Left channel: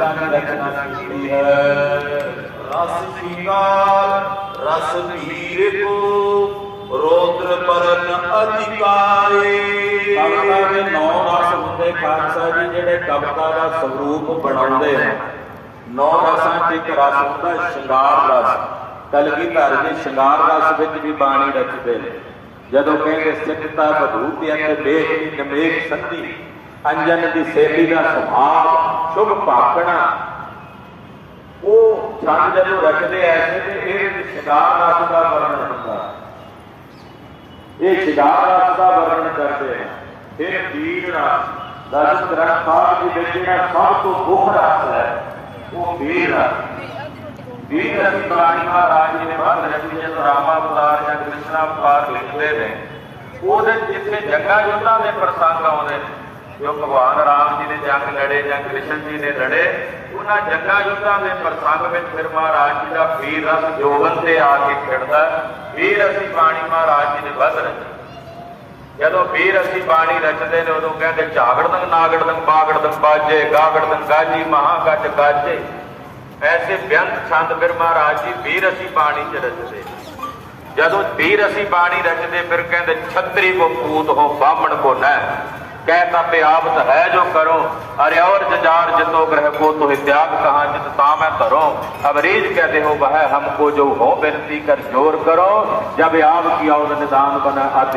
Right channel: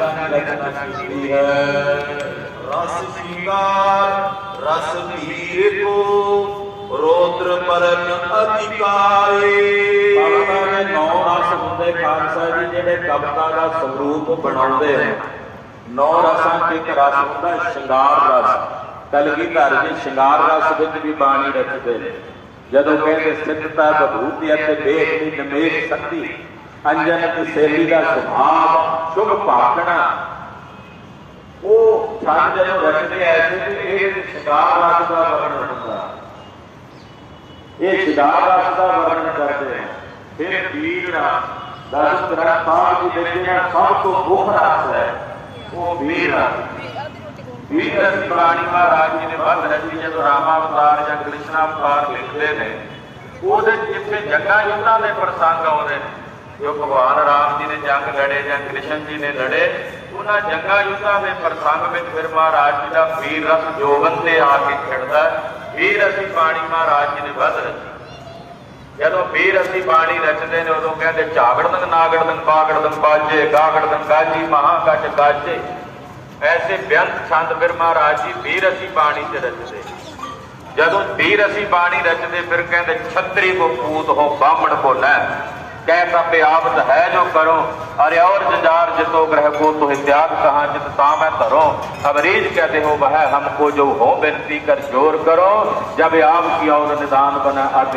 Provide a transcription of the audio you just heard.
ਛੰਦਾਂ ਦੀ ਰਚਨਾ ਕੀਤੀ ਹੈ ਰਸ ਸਿੰਗਾਰ ਰਸ ਧੀਰੇ ਕੋ ਰੋਦਰ ਬਦਨ ਅਧਿਕਾਰੇ ਕਵਿਤਾ ਦੇ ਨੌ ਰਸ ਹੁੰਦੇ ਖਾਲਸਾ ਜੀ ਜਿਹੜੇ ਕਵਿਤਾ ਦਾ ਸਰੂਪ ਬਣਾਉਂਦੇ ਹਨ ਨੌ ਰਸਾਂ ਦੇ ਰਸ ਹੁੰਦਾ ਸ਼ਿੰਗਾਰ ਰਸ ਕਲਗੀਧਰ ਜੀ ਸ਼ਿੰਗਾਰ ਰਸ ਵਿੱਚ ਵੀ ਬਾਣੀ ਰੱਖਦੇ ਨੇ ਜਦੋਂ ਕਹਿੰਦੇ ਸਿੱਖਤਾ ਬਧੂਤੀ ਅਤੇ ਦੇਖ ਦੀ ਨਿਮੇਸ਼ ਸੰਧੀ ਅੰਜਨ ਦੀ ਸੇਲੀ ਦਾ ਸੁਭਾਅ, ਸ਼ੁਭ ਭਾਗਣਾ ਉਹ ਛੰਦ ਜਦੋਂ ਰਚਦੇ ਐਸੇ ਤੇ ਇਹ ਸ਼ਿੰਗਾਰ ਰਸ ਦਾ ਵਰਣਨ ਹੁੰਦਾ। ਇਹ ਸ਼ਿੰਗਾਰ ਰਸ ਦਾ ਵਰਣਨ ਕਰਦੇ ਨੇ ਫਿਰ ਵੀਰ ਰਸ ਦਸ ਗ੍ਰੰਥ ਸਾਹਿਬ ਜੀ ਵਿੱਚ ਜਿਹੜਾ ਸਭ ਤੋਂ ਮੁੱਖ ਰਸ ਹੈ, ਉਹ ਵੀਰ ਰਸ ਵੀਰ ਰਸ ਬਾਣੀ ਮਹਾਰਾਜ ਜੀ ਨੇ ਵੱਧ ਰਚੀ ਜਦੋਂ ਰਾਮਾ ਅਵਤਾਰ ਜਾਂ ਕ੍ਰਿਸ਼ਨਾ ਅਵਤਾਰ ਲਿਖਦੇ ਨੇ। ਉਹਦੇ ਜਿੱਥੇ ਜੱਗਾ ਯੁੱਧਾਂ ਦੇ ਪ੍ਰਸੰਗ ਆਉਂਦੇ ਨੇ। ਜੋ ਭਗਵਾਨ ਰਾਮ ਜੀ ਨੇ ਜੰਗ ਲੜੇ ਜਾਂ ਕ੍ਰਿਸ਼ਨ ਜੀ ਨੇ ਲੜੇ, ਉਹਨਾਂ ਜੰਗਾਂ ਯੁੱਧਾਂ ਦੇ ਪ੍ਰਸੰਗ ਵਿੱਚ ਫਿਰ ਮਹਾਰਾਜ ਜੀ ਦਾ ਵੀਰ ਰਸ ਜੋਗਨ ਤੇ ਆ ਕੇ ਖੜਦਾ ਵੀਰ ਅਸੀਂ ਬਾਣੀ ਮਹਾਰਾਜ ਜੀ ਨੇ ਵੱਧ ਰਚੀ। ਜਦੋਂ ਵੀਰ ਅਸੀਂ ਬਾਣੀ ਰਚਦੇ ਨੇ, ਉਦੋਂ ਕਹਿੰਦੇ ਝਾਗੜਦੰਗ, ਨਾਗੜਦੰਗ, ਬਾਗੜਦੰਗ, ਬਾਜੇ, ਗਾਗੜਦੰਗ, ਗਾਜੀ ਮਹਾਗਟ ਗਾਜੇ। ਐਸੇ ਬੇਅੰਤ ਛੰਦ ਫਿਰ ਮਹਾਰਾਜ ਜੀ ਵੀਰ ਅਸੀਂ ਬਾਣੀ ਚ ਰਚਦੇ। ਜਦੋਂ ਵੀਰ ਅਸੀਂ ਬਾਣੀ ਰਚਦੇ, ਫਿਰ ਕਹਿੰਦੇ ਛਤਰੀ ਕੋ ਪੂਤ ਹੋ ਬਾਹਮਣ ਕੋ ਨਾ ਕਹਿ ਤਪੇ ਆਵਤ ਹੈ ਜੋ ਕਰੋ ਅਰੇ ਔਰ ਜਜਾਰ ਜਿਤੋ ਗ੍ਰਹ ਕੋ ਤੋ त्याग कहा जित काम है धरो अब रीज कहते हो वह हमको जो हो विनती कर जोर करो जब आप की और निदान बना अति